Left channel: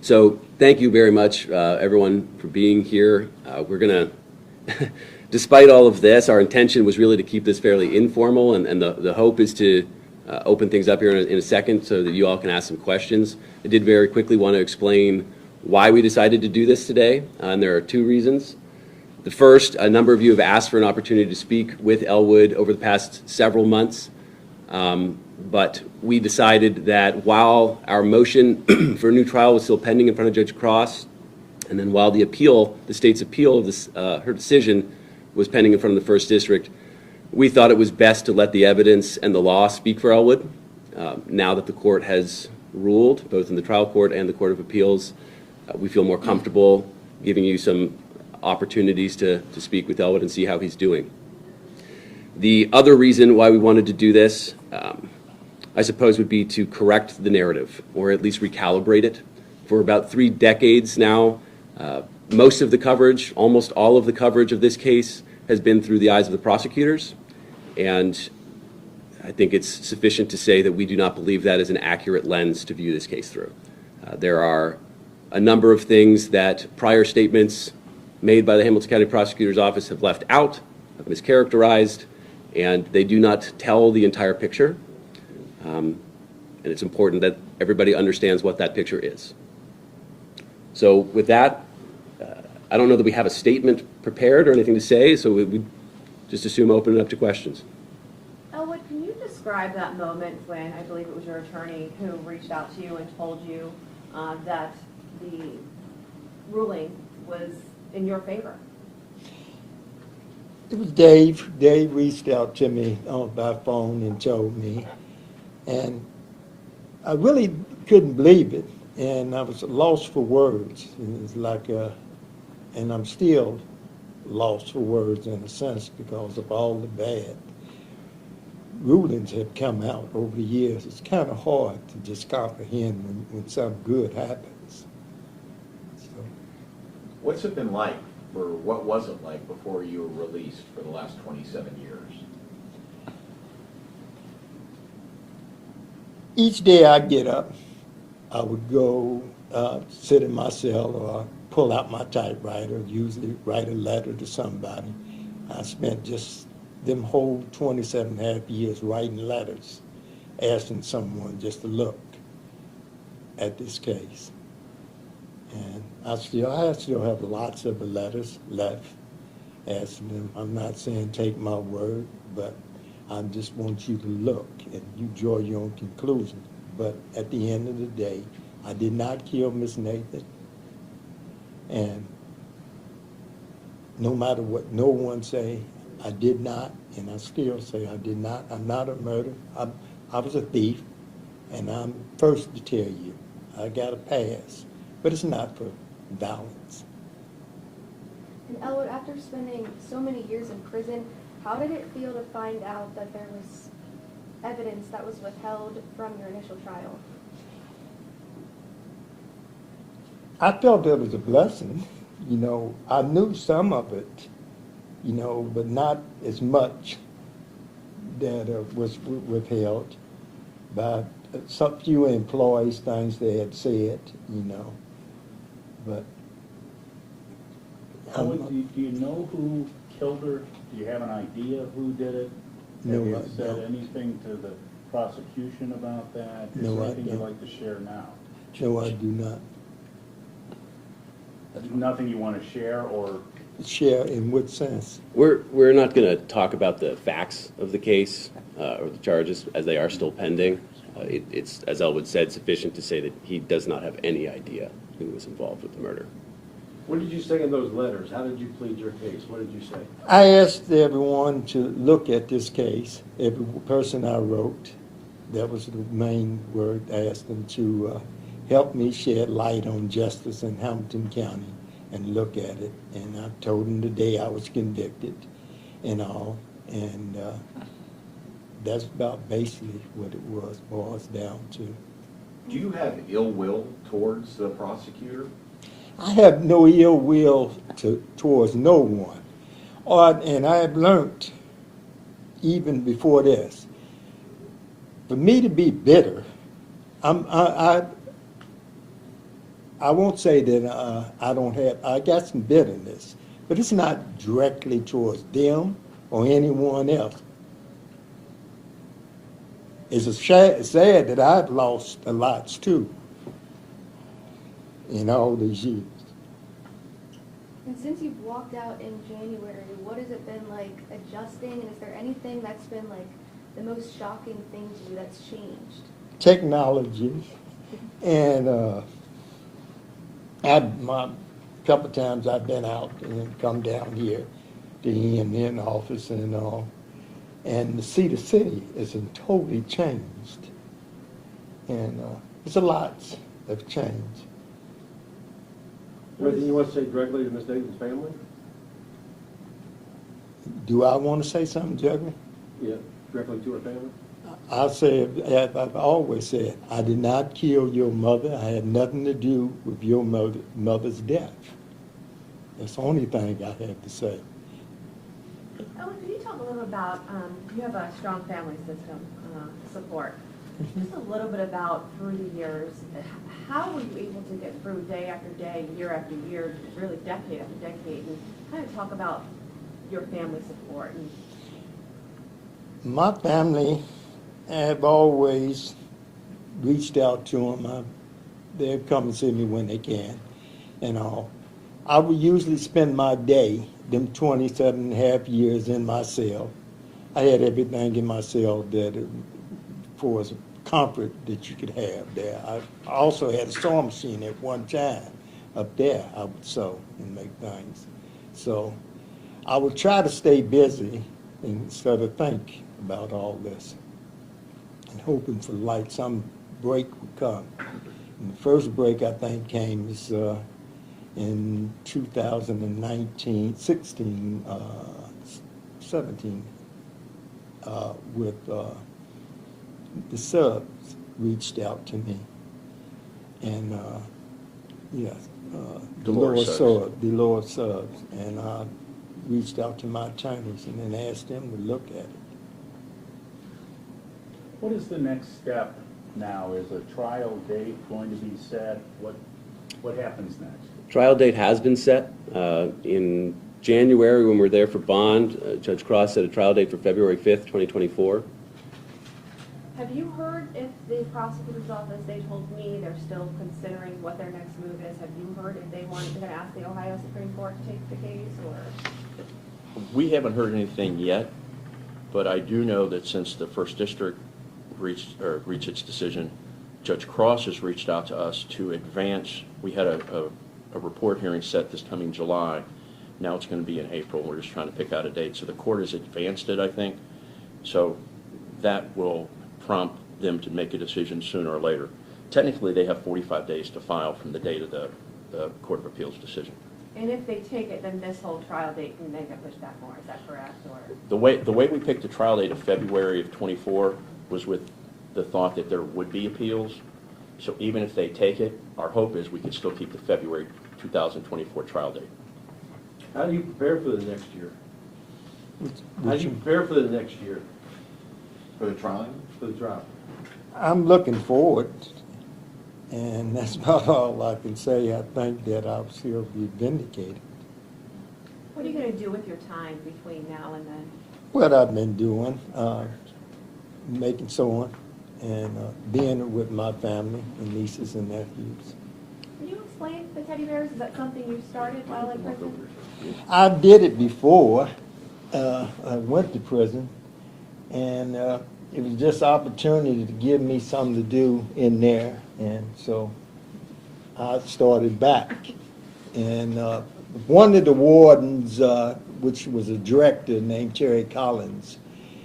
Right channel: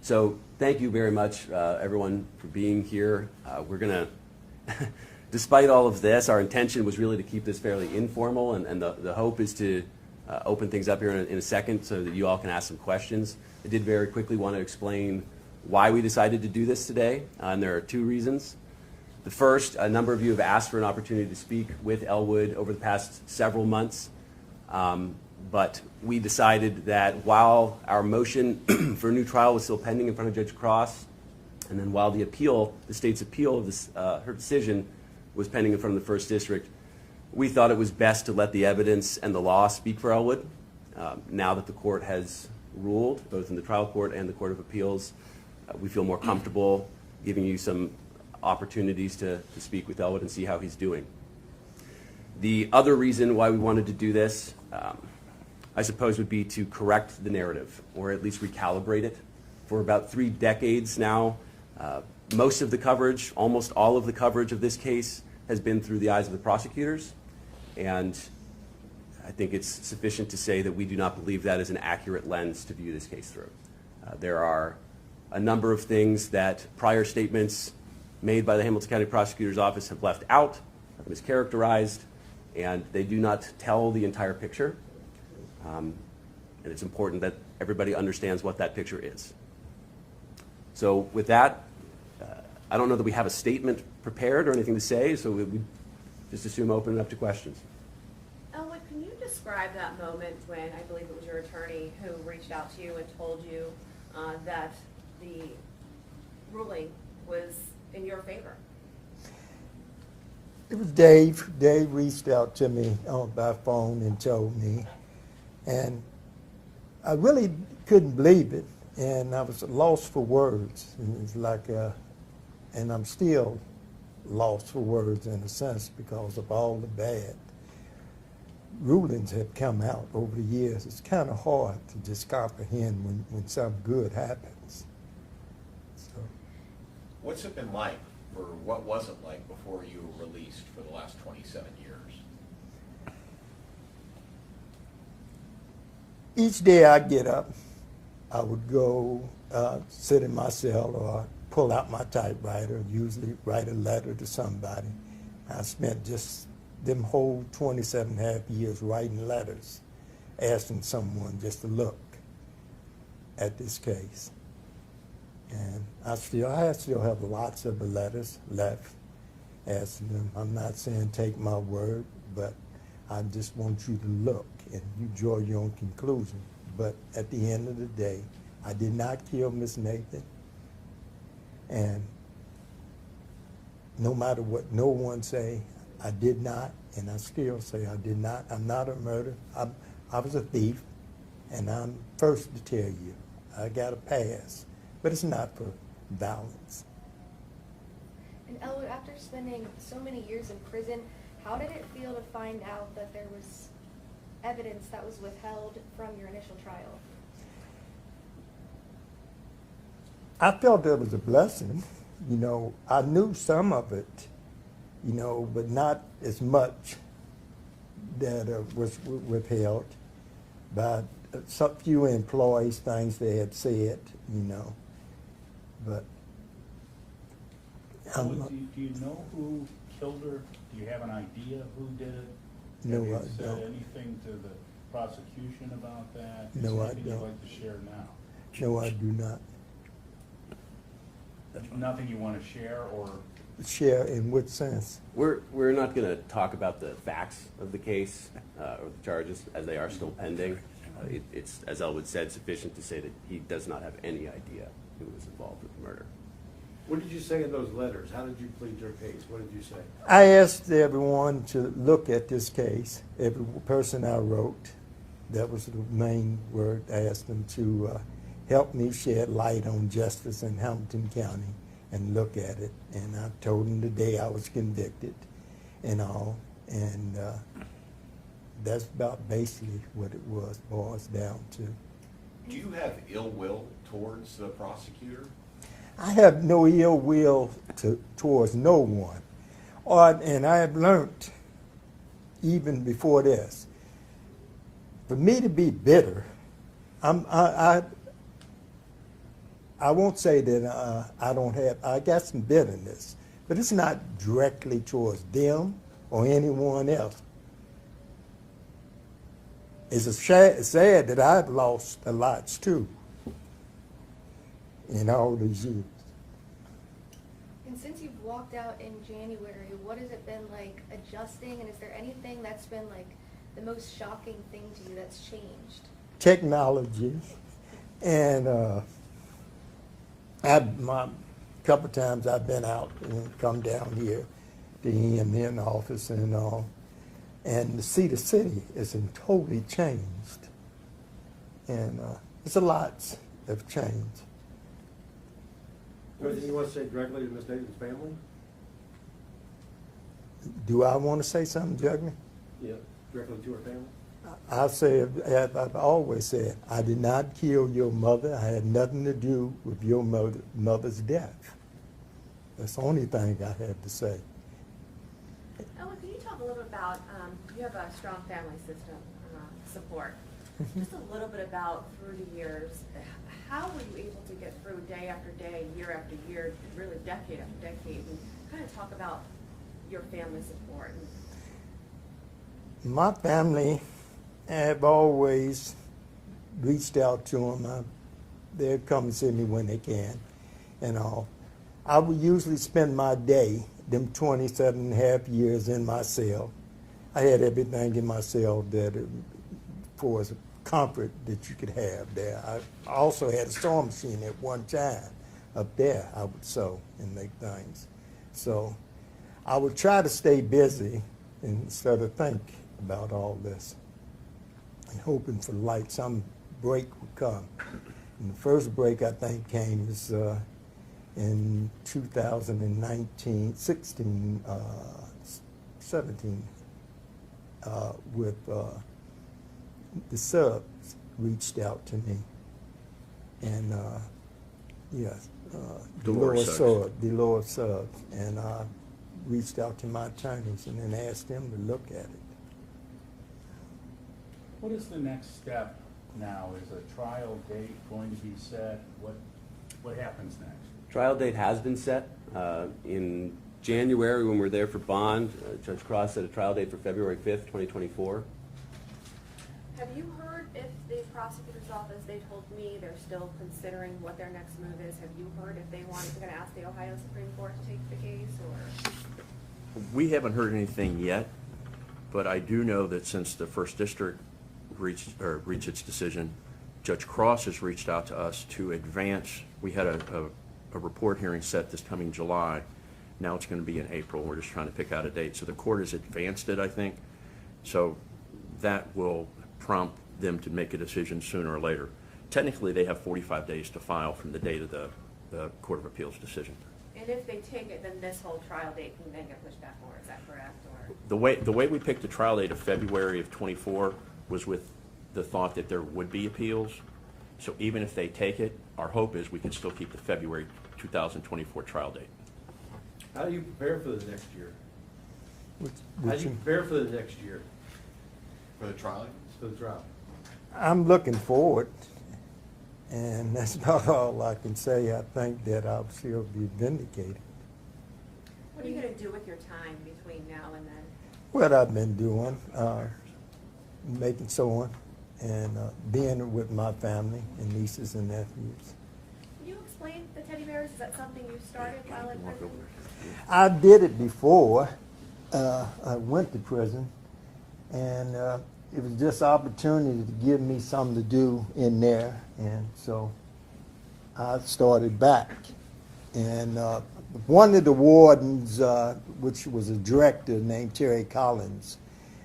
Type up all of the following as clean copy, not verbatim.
So thank you very much, everyone, for being here. We're going to, despite all of this, our intention was really to keep this fairly informal, and the hope is to open things up here in a second so that you all can ask some questions. I did very quickly want to explain why we decided to do this today, and there are two reasons. The first, a number of you have asked for an opportunity to speak with Elwood over the past several months. But we decided that while our motion for a new trial was still pending in front of Judge Cross, and then while the state's appeal of this, her decision was pending in front of the First District, we thought it was best to let the evidence and the law speak for Elwood. Now that the court has ruled, both in the trial court and the Court of Appeals, we feel more comfortable giving you some opportunities to speak with Elwood and see how he's doing. The other reason why we wanted to do this, I suppose, would be to correct the narrative, or at least recalibrate it. For about 3 decades now, most of the coverage, almost all of the coverage of this case has been through the eyes of the prosecutors, and I think it's sufficient to say that we do not believe that is an accurate lens to view this case through. There are a number of things that prior statements made by the Hamilton County Prosecutor's Office have left out, have mischaracterized, and they do not tell the entire picture. And it's important that everybody understands what that picture is. So with that, I don't know that we have a statement prepared or anything to say, so we just assume open it up to questions. Elwood, can you describe that moment when I believe it was your attorney who reached out to you and told you that the ruling was in your favor? It was Dave. Dave reached out to me by phone and told me. And I really couldn't believe it. And I was lost for words. It was like, and I'm still lost for words in a sense because of all the bad rulings have come out over the years. It's kind of hard to just comprehend when something good happens. So. What's it been like, or what was it like before you were released for the last 27 years? Each day I get up, I would go sit in my cell or pull out my typewriter, usually write a letter to somebody. I spent just them whole 27 and a half years writing letters, asking someone just to look at this case. And I still have lots of the letters left, asking them, I'm not saying take my word, but I just want you to look and you draw your own conclusion. But at the end of the day, I did not kill Miss Nathan. And no matter what no one say, I did not, and I still say I did not. I'm not a murderer. I was a thief, and I'm first to tell you, I got a pass, but it's not for violence. And Elwood, after spending so many years in prison, how did it feel to find out that there was evidence that was withheld from your initial trial? I felt it was a blessing. You know, I knew some of it, you know, but not as much that was withheld by some few employees, things they had said, you know. But Do you know who killed her? Do you have an idea who did it? No, have you I said don't. anything to the prosecution about that? Is No, there I anything you'd don't. like to share now? No, I do not. Nothing you want to share, or Share in what sense? We're not going to talk about the facts of the case or the charges as they are still pending. It's, as Elwood said, sufficient to say that he does not have any idea who was involved with the murder. What did you say in those letters? How did you plead your case? What did you say? I asked everyone to look at this case. Every person I wrote, that was the main word. I asked them to help me shed light on justice in Hamilton County and look at it. And I told them the day I was convicted and all. And that's about basically what it boils down to. Do you have ill will towards the prosecutor? I have no ill will towards no one. And I have learned, even before this, for me to be bitter, I won't say that I don't have, I got some bitterness, but it's not directly towards them or anyone else. It's sad that I've lost a lot too in all these years. And since you've walked out in January, what has it been like adjusting? And is there anything that's been like the most shocking thing to you that's changed? Technology, and couple times I've been out and come down here to the office and all, and to see the city is totally changed, and it's a lot have changed. Anything you want to say directly to Ms. Davis's family? Do I want to say something, Jugman? Yeah, directly to her family? I say, as I've always said, I did not kill your mother. I had nothing to do with your mother's death. That's the only thing I have to say. Ellen, can you talk a little about, you have a strong family system support. Just a little bit about through the years, how were you able to get through day after day, year after year, really decade after decade, and kind of talk about your family support? My family have always reached out to them. They'll come and see me when they can and all. I would usually spend my day, them 27 and a half years in my cell. I had everything in my cell that for as comfort that you could have there. I also had a sewing machine at one time up there. I would sew and make things. So I would try to stay busy instead of think about all this and hoping for like some break would come. And the first break I think came is in 2019, 16, 17, with the subs reached out to me, and Dolores Subs. Dolores Subs, and I reached out to my attorneys and then asked them to look at it. What is the next step now? Is a trial date going to be set? What happens next? Trial date has been set. In January, when we were there for bond, Judge Cross set a trial date for February 5th, 2024. Have you heard if the prosecutor's office, they told me they're still considering what their next move is. Have you heard if they're going to ask the Ohio Supreme Court to take the case, or? We haven't heard anything yet, but I do know that since the First District reached its decision, Judge Cross has reached out to us to advance. We had a report hearing set this coming July. Now it's going to be in April. We're just trying to pick out a date. So the court has advanced it, I think. So that will prompt them to make a decision sooner or later. Technically, they have 45 days to file from the date of the Court of Appeals decision. And if they take it, then this whole trial date can then get pushed back more, is that correct? Or? The way we picked the trial date of February of 24 was with the thought that there would be appeals. So even if they take it, our hope is we could still keep the February 2024 trial date. How do you prepare for the next year? How do you Which- prepare for the next year, For the trial? for the trial? I'm looking forward, and that's about all I can say. I think that I'll still be vindicated. What are you going to do with your time between now and then? What I've been doing, making sewing and being with my family and nieces and nephews. Can you explain the teddy bears? Is that something you started while in prison? I did it before. I went to prison, and it was just opportunity to give me something to do in there, and so I started back. And one of the wardens, which was a director named Terry Collins,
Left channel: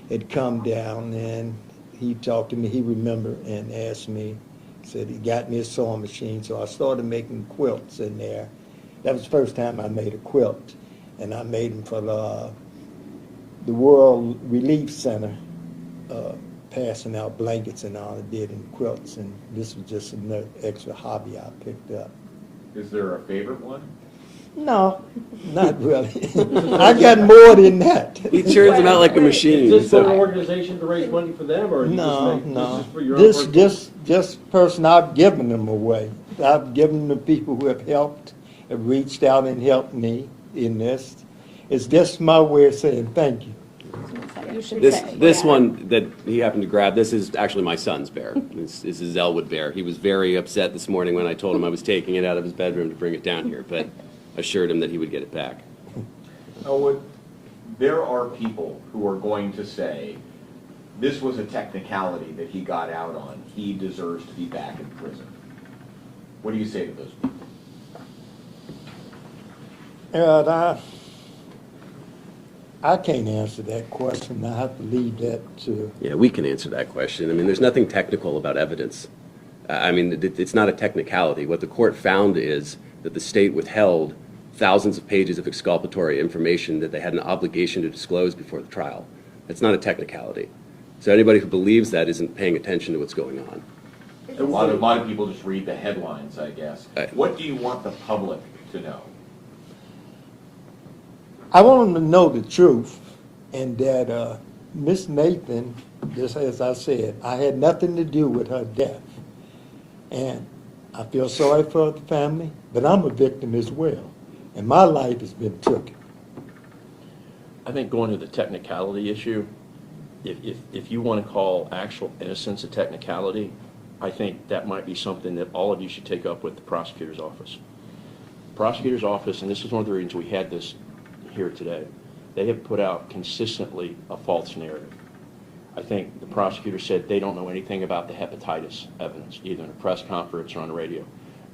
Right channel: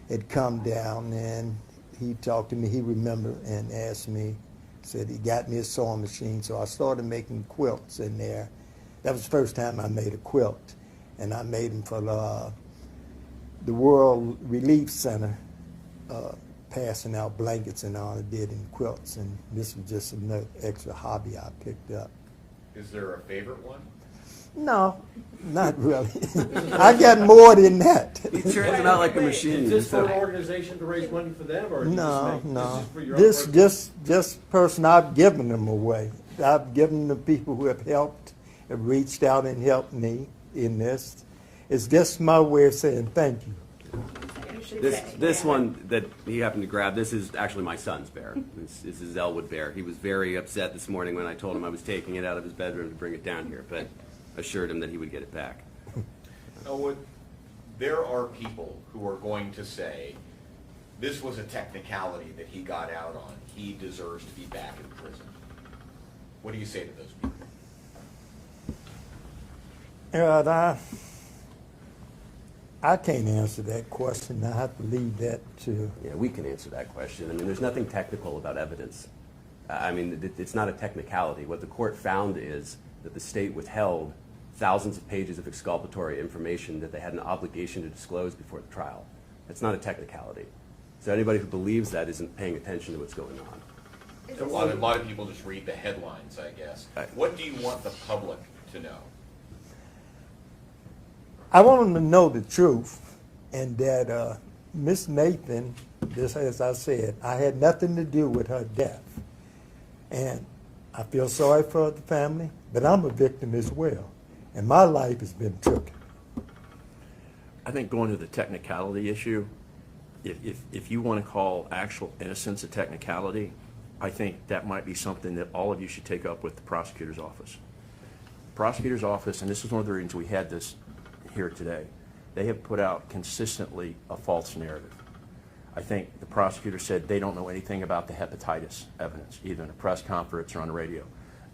had come down, and he talked to me. He remembered and asked me, said he got me a sewing machine, so I started making quilts in there. That was the first time I made a quilt, and I made them for the World Relief Center, passing out blankets and all. I did in quilts, and this was just another extra hobby I picked up. Is there a favorite one? No, not really. I got more than that. He churns them out like a machine. Is this for so- an organization to raise money for them, or you No, just make, no. this is for your own This personal- just person I've given them away. I've given the people who have helped, have reached out and helped me in this. It's just my way of saying thank you. You should This, say. this yeah. one that he happened to grab, this is actually my son's bear. This is Elwood bear. He was very upset this morning when I told him I was taking it out of his bedroom to bring it down here, but assured him that he would get it back. Elwood, there are people who are going to say, this was a technicality that he got out on. He deserves to be back in prison. What do you say to those people? And I can't answer that question. I have to leave that to, Yeah, we can answer that question. I mean, there's nothing technical about evidence. I mean, it's not a technicality. What the court found is that the state withheld thousands of pages of exculpatory information that they had an obligation to disclose before the trial. That's not a technicality. So anybody who believes that isn't paying attention to what's going on. Is A this- lot of people just read the headlines, I guess. Right. What do you want the public to know? I want them to know the truth, and that Miss Nathan, just as I said, I had nothing to do with her death. And I feel sorry for the family, but I'm a victim as well. And my life has been taken. I think going to the technicality issue, if you want to call actual innocence a technicality, I think that might be something that all of you should take up with the prosecutor's office. Prosecutor's office, and this is one of the reasons we had this here today, they have put out consistently a false narrative. I think the prosecutor said they don't know anything about the hepatitis evidence, either in a press conference or on the radio.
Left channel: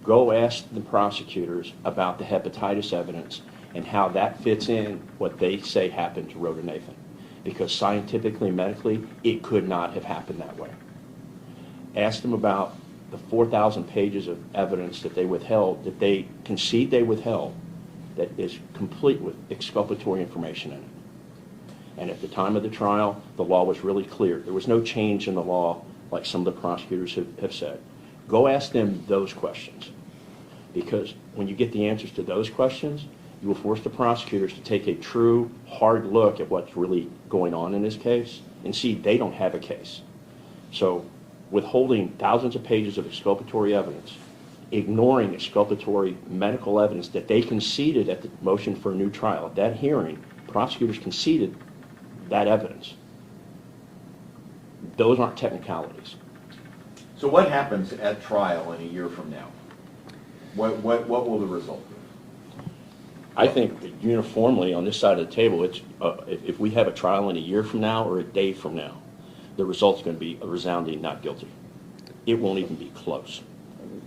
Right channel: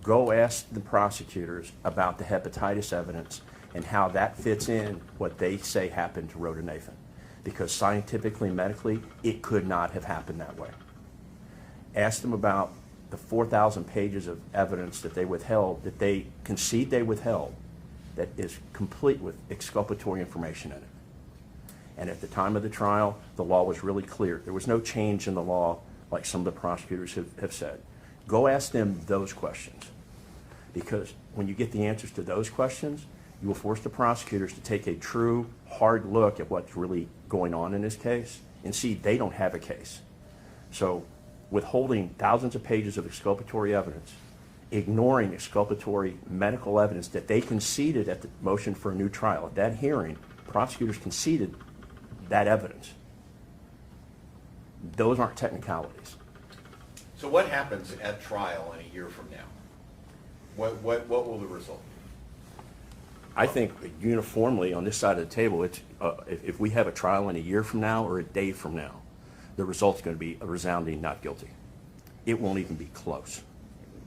Go ask the prosecutors about the hepatitis evidence and how that fits in what they say happened to Rhoda Nathan. Because scientifically, medically, it could not have happened that way. Ask them about the 4,000 pages of evidence that they withheld, that they concede they withheld, that is complete with exculpatory information in it. And at the time of the trial, the law was really clear. There was no change in the law like some of the prosecutors have said. Go ask them those questions. Because when you get the answers to those questions, you will force the prosecutors to take a true, hard look at what's really going on in this case and see they don't have a case. So withholding thousands of pages of exculpatory evidence, ignoring exculpatory medical evidence that they conceded at the motion for a new trial. At that hearing, prosecutors conceded that evidence. Those aren't technicalities. So what happens at trial in a year from now? What will the result be? I think that uniformly on this side of the table, it's if we have a trial in a year from now or a day from now, the result's going to be a resounding not guilty. It won't even be close.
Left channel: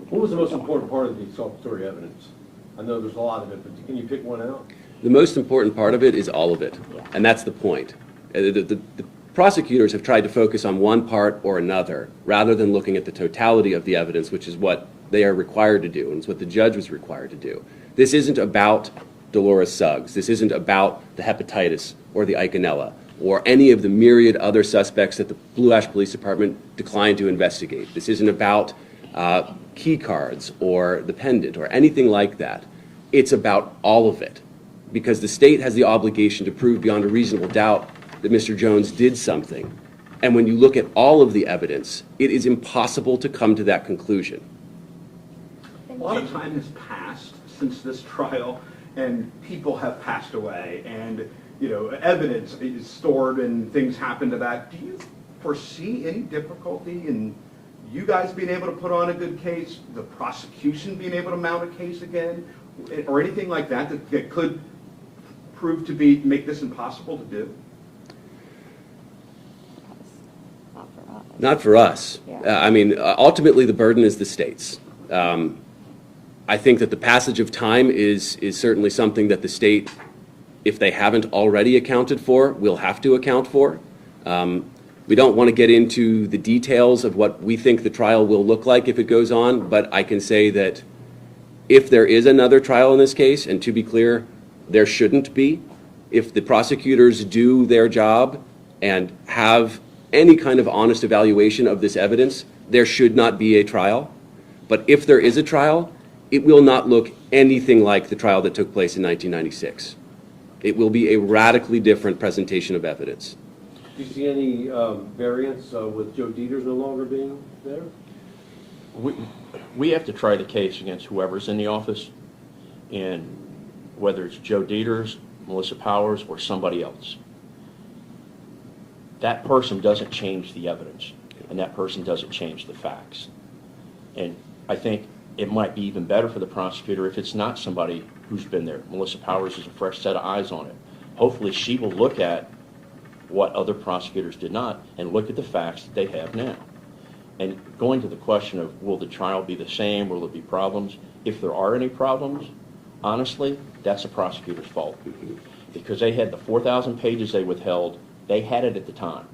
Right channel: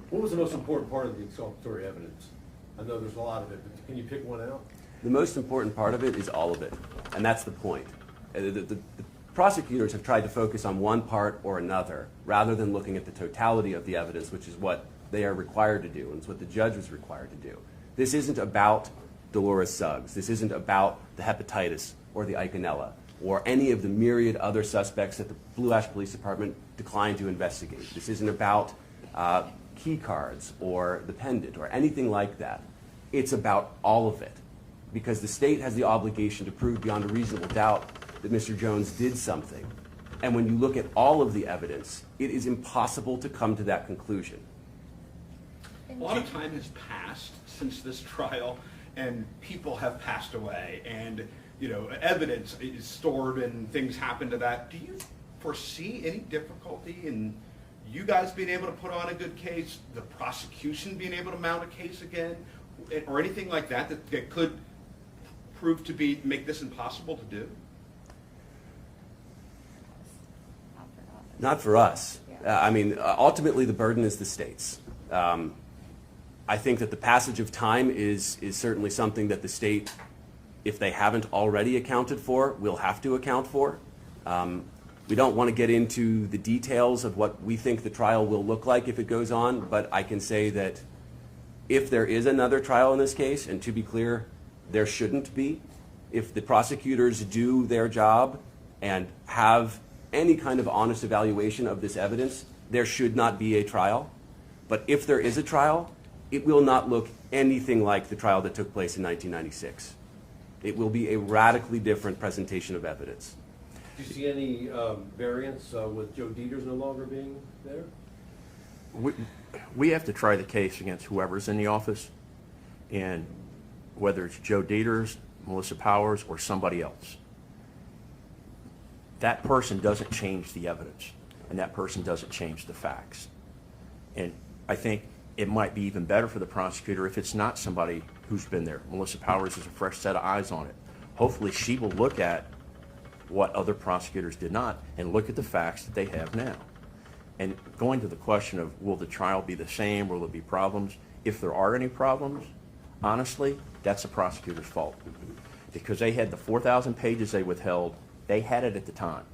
What was the most important part of the exculpatory evidence? I know there's a lot of it, but can you pick one out? The most important part of it is all of it, and that's the point. The prosecutors have tried to focus on one part or another rather than looking at the totality of the evidence, which is what they are required to do, and it's what the judge was required to do. This isn't about Dolores Suggs. This isn't about the hepatitis or the Eikenella or any of the myriad other suspects that the Blue Ash Police Department declined to investigate. This isn't about key cards or the pendant or anything like that. It's about all of it, because the state has the obligation to prove beyond a reasonable doubt that Mr. Jones did something. And when you look at all of the evidence, it is impossible to come to that conclusion. A lot of time has passed since this trial, and people have passed away, and evidence is stored, and things happen to that. Do you foresee any difficulty in you guys being able to put on a good case, the prosecution being able to mount a case again, or anything like that that could prove to make this impossible to do? Not for us. Ultimately, the burden is the state's. I think that the passage of time is certainly something that the state, if they haven't already accounted for, will have to account for. We don't want to get into the details of what we think the trial will look like if it goes on, but I can say that if there is another trial in this case, and to be clear, there shouldn't be, if the prosecutors do their job and have any kind of honest evaluation of this evidence, there should not be a trial. But if there is a trial, it will not look anything like the trial that took place in 1996. It will be a radically different presentation of evidence. Do you see any variance with Joe Dieters no longer being there? we have to try the case against whoever's in the office, and whether it's Joe Dieters, Melissa Powers, or somebody else. That person doesn't change the evidence, and that person doesn't change the facts. And I think it might be even better for the prosecutor if it's not somebody who's been there. Melissa Powers is a fresh set of eyes on it. Hopefully she will look at what other prosecutors did not and look at the facts that they have now. And going to the question of will the trial be the same, will there be problems? If there are any problems, honestly, that's the prosecutor's fault. Because they had the 4,000 pages they withheld, they had it at the time.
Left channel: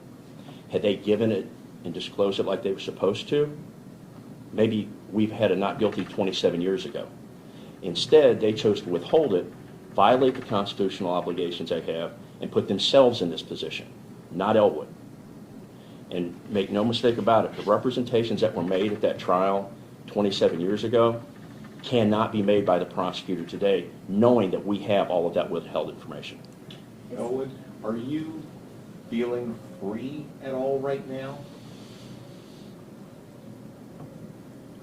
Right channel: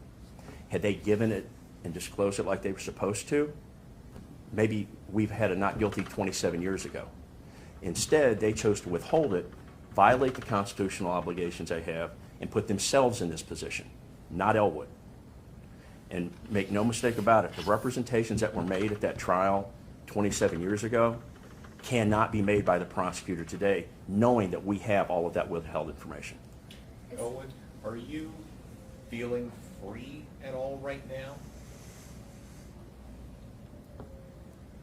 Had they given it and disclosed it like they were supposed to, maybe we've had a not guilty 27 years ago. Instead, they chose to withhold it, violate the constitutional obligations they have, and put themselves in this position, not Elwood. And make no mistake about it, the representations that were made at that trial 27 years ago cannot be made by the prosecutor today, knowing that we have all of that withheld information. Elwood, are you feeling free at all right now?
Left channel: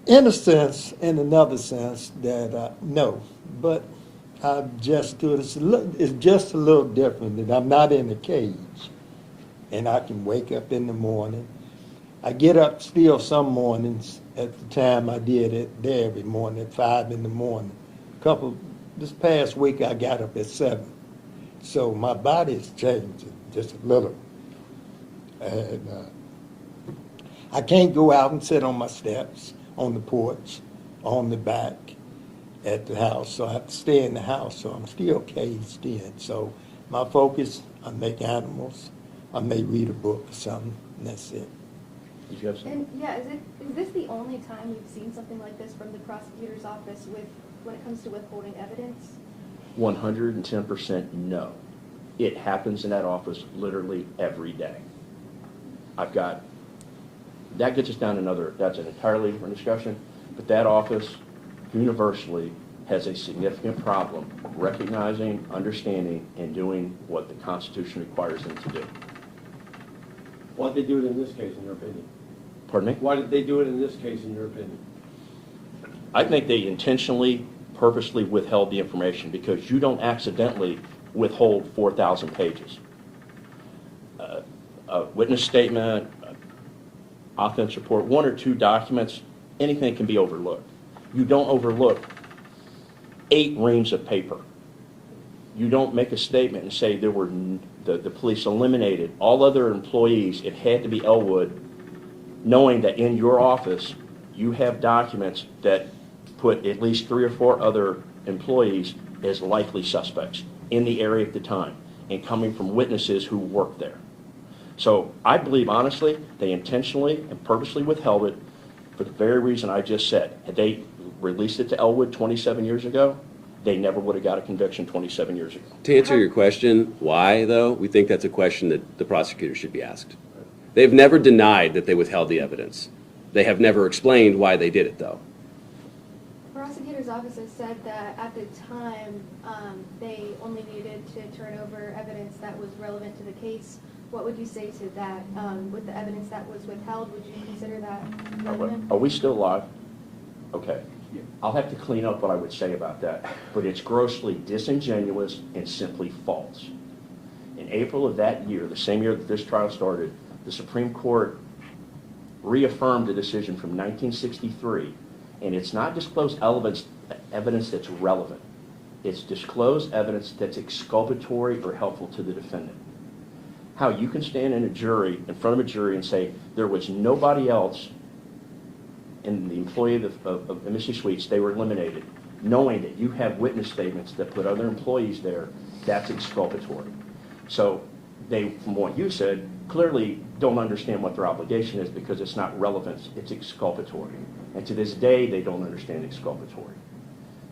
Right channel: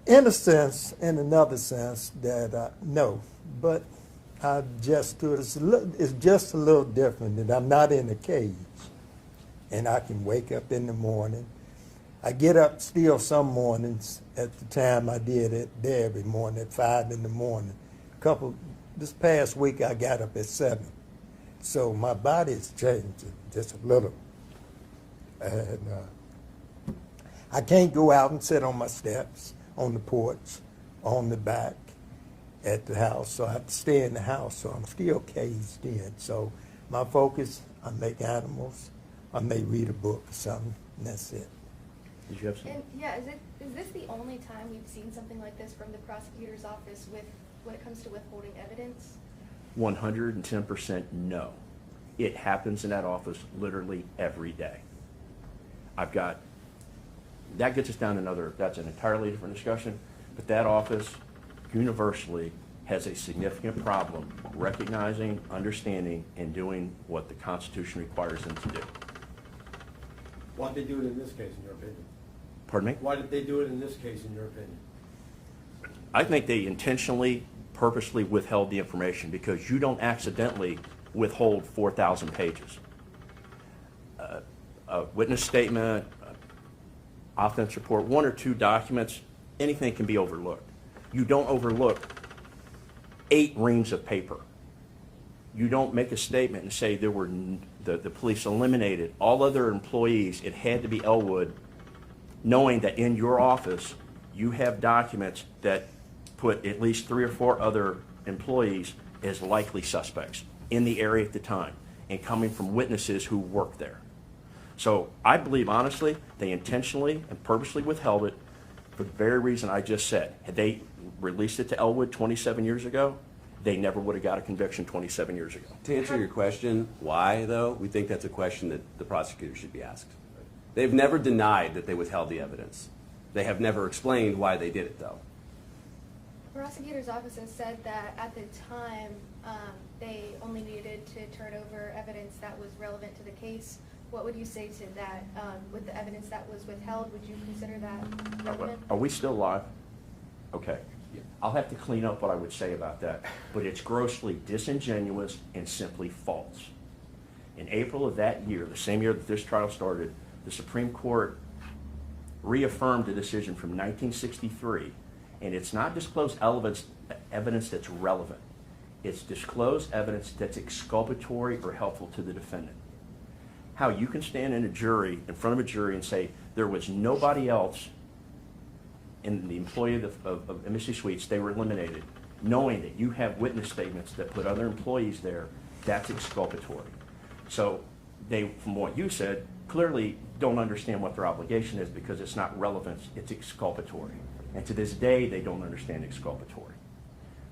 In a sense, in another sense, that no, but I just do it. It's just a little different. That I'm not in a cage, and I can wake up in the morning. I get up still some mornings at the time I did it there every morning at 5 in the morning. This past week I got up at 7, so my body is changing just a little, and I can't go out and sit on my steps, on the porch, on the back at the house, so I have to stay in the house, so I'm still caged in. So my focus, I make animals, I may read a book or something, and that's it. Did you have something? And yeah, is this the only time you've seen something like this from the prosecutor's office when it comes to withholding evidence? 110% no. It happens in that office literally every day. That gets us down that's an entirely different discussion, but that office universally has a significant problem recognizing, understanding, and doing what the Constitution requires them to do. Why did they do it in this case, in your opinion? Pardon me? Why did they do it in this case, in your opinion? I think they intentionally, purposely withheld the information because you don't accidentally withhold 4,000 pages. A witness statement, offense report, 1 or 2 documents, anything can be overlooked. You don't overlook 8 reams of paper. You don't make a statement and say the police eliminated all other employees. It had to be Elwood, knowing that in your office you have documents that put at least 3 or 4 other employees as likely suspects in the area at the time and coming from witnesses who worked there. So I believe, honestly, they intentionally and purposely withheld it for the very reason I just said. Had they released it to Elwood 27 years ago, they never would have got a conviction 27 years ago. To answer your question, why though, we think that's a question that the prosecutor should be asked. They've never denied that they withheld the evidence. They have never explained why they did it though. The prosecutor's office has said that at the time they only needed to turn over evidence that was relevant to the case. What would you say to that? With the evidence that was withheld, would you consider that relevant? Are we still live? Okay. I'll have to clean up what I would say about that, but it's grossly disingenuous and simply false. In April of that year, the same year that this trial started, the Supreme Court reaffirmed a decision from 1963, and it's not disclosed evidence that's relevant. It's disclosed evidence that's exculpatory or helpful to the defendant. How you can stand in front of a jury and say there was nobody else in the employee of Embassy Suites, they were eliminated, knowing that you have witness statements that put other employees there, that's exculpatory. So they, from what you said, clearly don't understand what their obligation is because it's not relevant, it's exculpatory. And to this day, they don't understand exculpatory.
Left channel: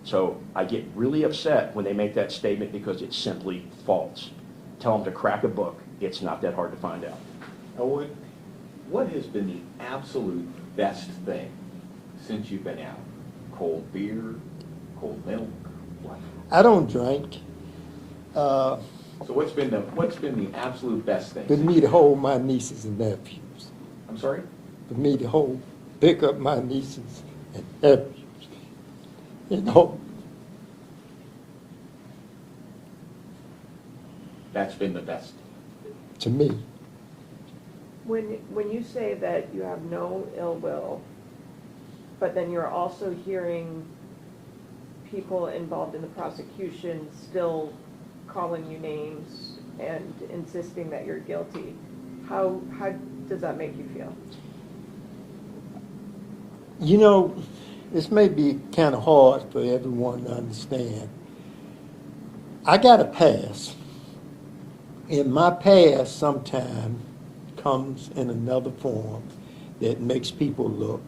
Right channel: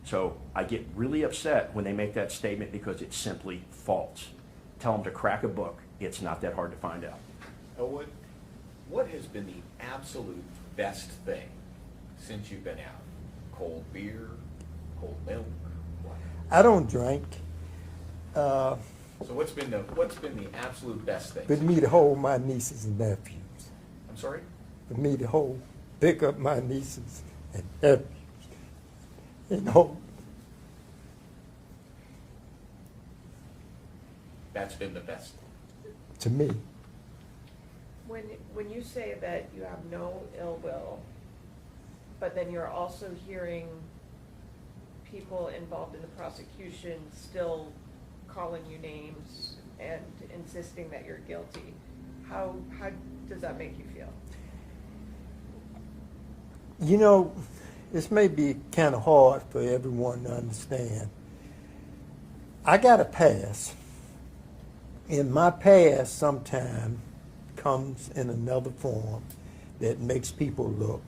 So I get really upset when they make that statement because it's simply false. Tell them to crack a book. It's not that hard to find out. Elwood, what has been the absolute best thing since you've been out? Cold beer, cold milk, what? I don't drink. So what's been the absolute best thing? For me to hold my nieces and nephews. I'm sorry? For me to pick up my nieces and abuse. You know, That's been the best. to me, When you say that you have no ill will, but then you're also hearing people involved in the prosecution still calling you names and insisting that you're guilty, how does that make you feel? you know, this may be kind of hard for everyone to understand. I got a past. In my past, sometime comes in another form that makes people look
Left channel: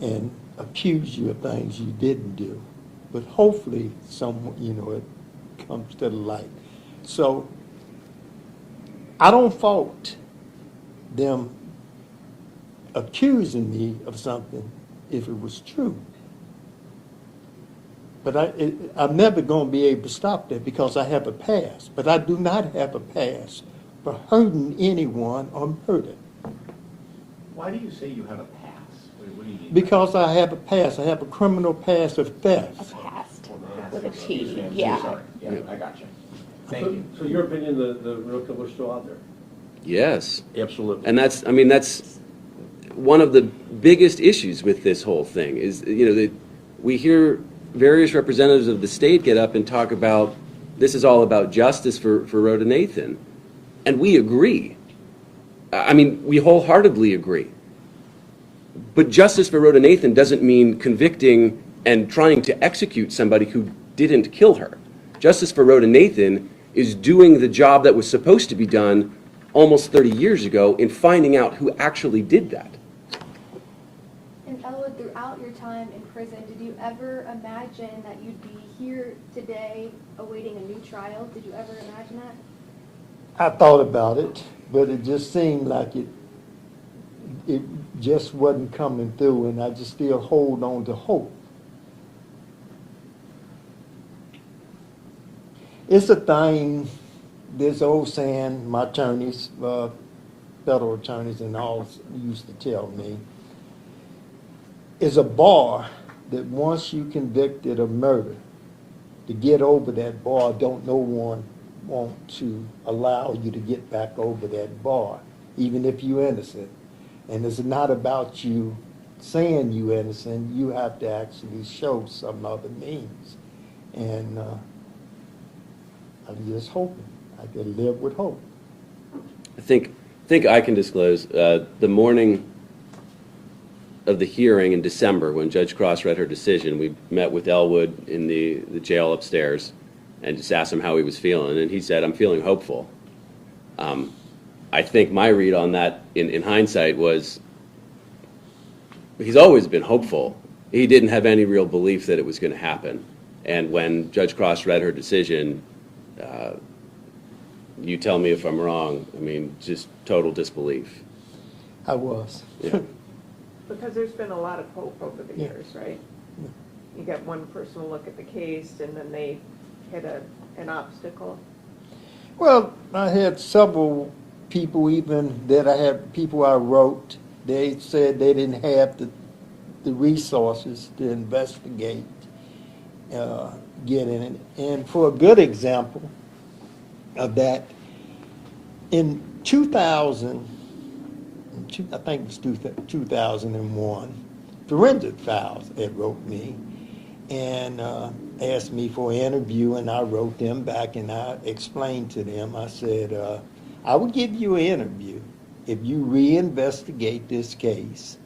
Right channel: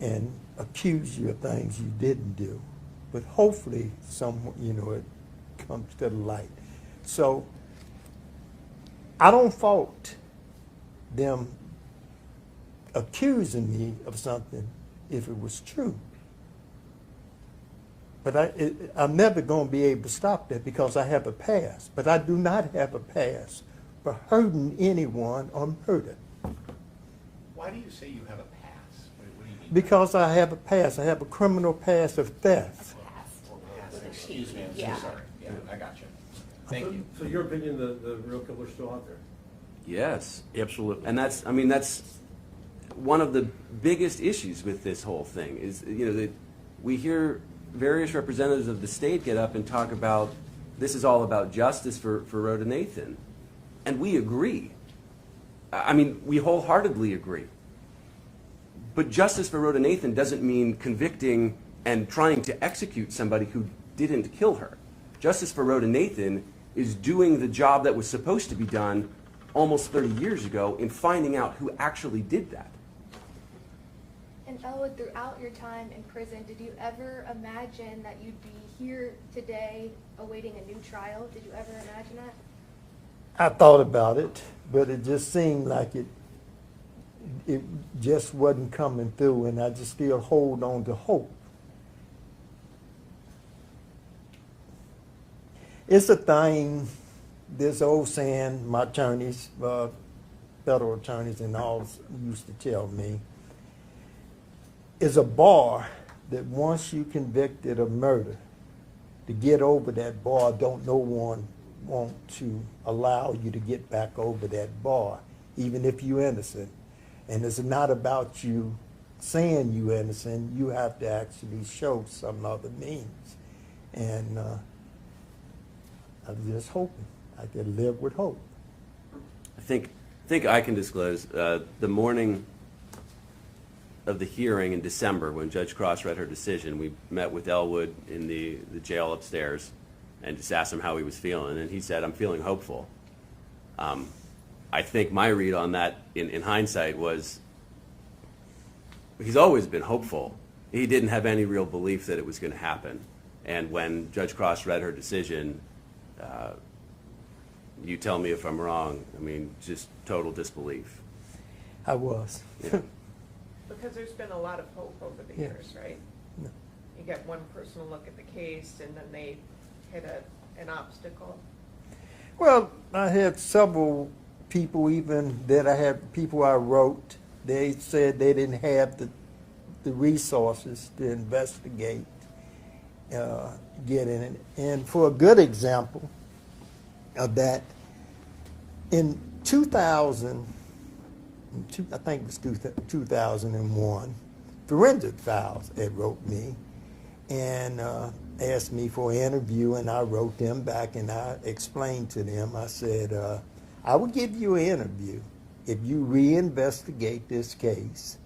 and accuse you of things you didn't do. But hopefully, it comes to the light. So I don't fault them accusing me of something if it was true. But I'm never going to be able to stop that because I have a past. But I do not have a past for hurting anyone or murder. Why do you say you have a pass? What do you mean? Because I have a past. I have a criminal past of theft. Past Well, with a that's- T, I'm so yeah. sorry. Yeah, I got you. Thank you. So your opinion, the real killer's still out there? Yes. Absolutely. And that's one of the biggest issues with this whole thing is, that we hear various representatives of the state get up and talk about this is all about justice for Rhoda Nathan. And we agree. We wholeheartedly agree. But justice for Rhoda Nathan doesn't mean convicting and trying to execute somebody who didn't kill her. Justice for Rhoda Nathan is doing the job that was supposed to be done almost 30 years ago in finding out who actually did that. And Elwood, throughout your time in prison, did you ever imagine that you'd be here today awaiting a new trial? Did you ever imagine that? I thought about it, but it just seemed like it just wasn't coming through, and I just still hold on to hope. It's a thing, this old saying, my attorneys, federal attorneys and all used to tell me, is a bar that once you convicted of murder, to get over that bar, don't no one want to allow you to get back over that bar, even if you're innocent. And it's not about you saying you're innocent, you have to actually show some other means. And I'm just hoping I can live with hope. I think I can disclose, the morning of the hearing in December, when Judge Cross read her decision, we met with Elwood in the jail upstairs and just asked him how he was feeling, and he said, "I'm feeling hopeful." I think my read on that in hindsight was he's always been hopeful. He didn't have any real belief that it was going to happen. And when Judge Cross read her decision, you tell me if I'm wrong, just total disbelief. I was. Yeah. Because there's been a lot of hope over the Yeah. years, right? Yeah. You get one person to look at the case and then they hit an obstacle. Well, I had several people people I wrote, they said they didn't have the resources to investigate, get in it. And for a good example of that, in 2000, I think it was 2001, Forensic Files had wrote me and asked me for an interview, and I wrote them back and I explained to them, I said, I would give you an interview if you reinvestigate this case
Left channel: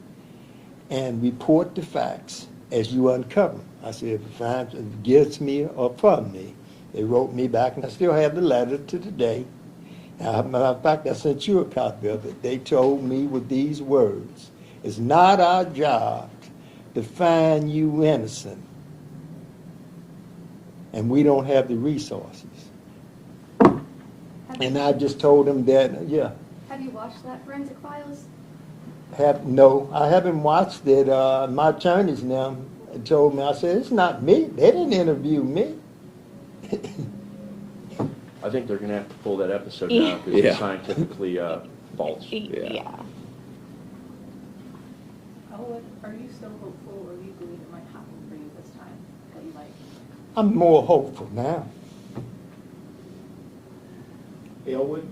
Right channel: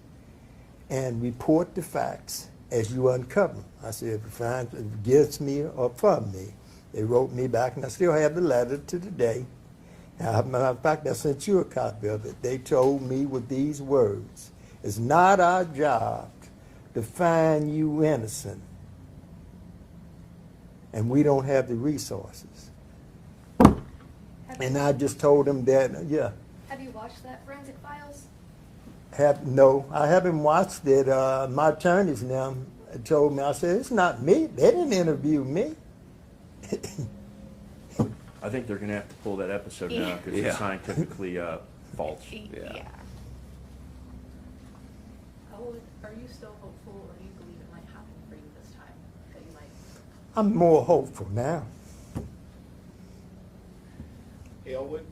and report the facts as you uncover them. I said, if it finds against me or from me. They wrote me back, and I still have the letter to today. As a matter of fact, I sent you a copy of it. They told me with these words, it's not our job to find you innocent, and we don't have the resources. And I just told them that, yeah. Have you watched that Forensic Files? No, I haven't watched it. My attorneys now told me, I said, it's not me. They didn't interview me. I think they're going to have to pull that episode down because Yeah. it's scientifically false. Yeah. Elwood, are you still hopeful I'm more hopeful now. Elwood,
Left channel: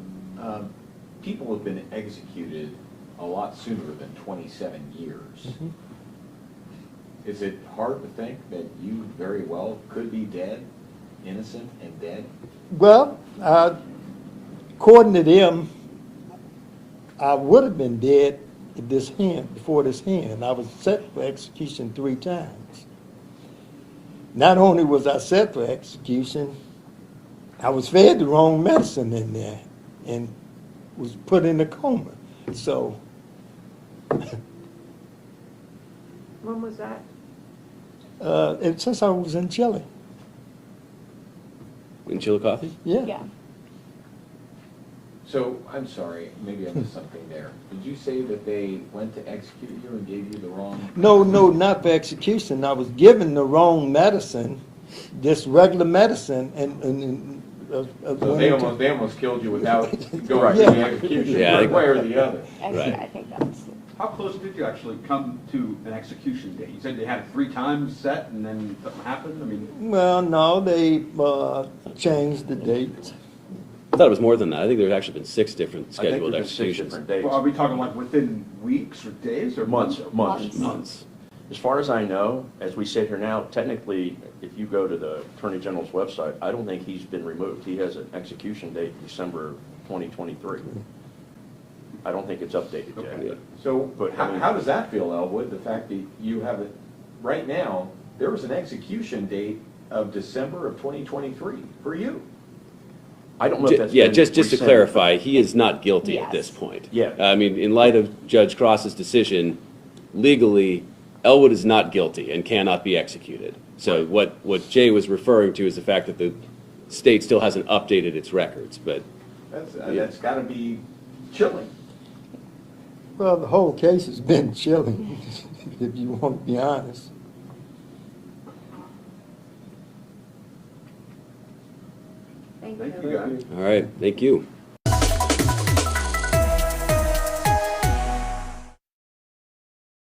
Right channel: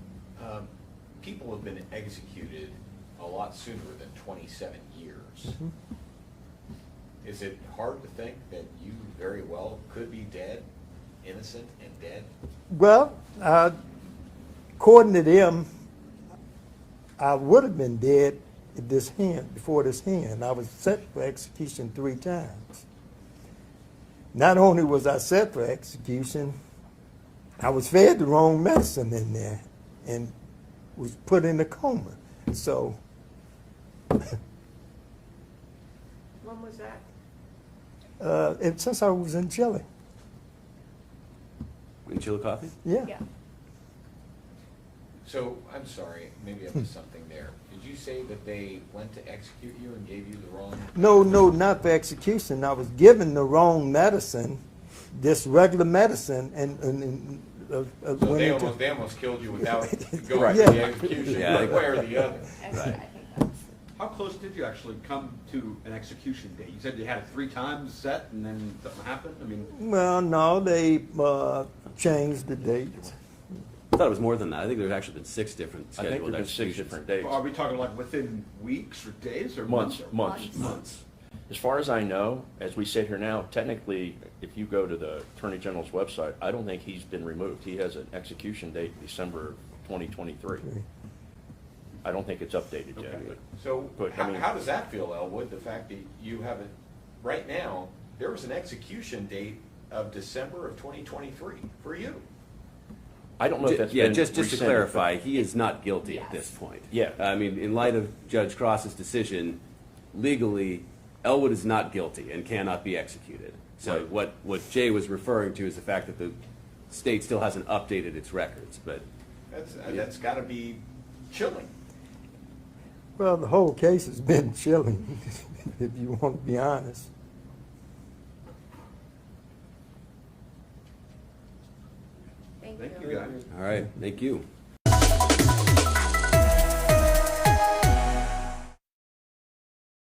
people have been executed a lot sooner than 27 years. Mm-hmm. Is it hard to think that you very well could be dead, innocent and dead? Well, according to them, I would have been dead at this hand, before this hand. I was set for execution 3 times. Not only was I set for execution, I was fed the wrong medicine in there and was put in a coma. So, When was that? since I was in Chile, In Chillicothe? yeah. So, I'm sorry, maybe I missed something there. Did you say that they went to execute you and gave you the wrong? No, not for execution. I was given the wrong medicine, just regular medicine, and So they almost killed you without going Right. to the Yeah. execution, Yeah. one way or the other. Right. I think that's. How close did you actually come to an execution date? You said you had it 3 times set and then something happened? I mean, Well, no, they changed the date. I thought it was more than that. I think there's actually been 6 different I think scheduled there's 6 executions. different dates. are we talking like within weeks or days or Months, months? months. Months. As far as I know, as we sit here now, technically, if you go to the Attorney General's website, I don't think he's been removed. He has an execution date December 2023. I don't think it's updated yet. Okay. So But, I mean- how does that feel, Elwood, the fact that you have it, right now, there was an execution date of December of 2023 for you? I don't know if that's Yeah, been just to rescinded. clarify, he is not guilty at Yes. this point. Yeah. I mean, in light of Judge Cross's decision, legally, Elwood is not guilty and cannot be executed. So what Jay was referring to is the fact that the state still hasn't updated its records, but That's gotta be chilling. Well, the whole case has been chilling, if you want to be honest. Thank Thank you. you, guys. all right, thank you.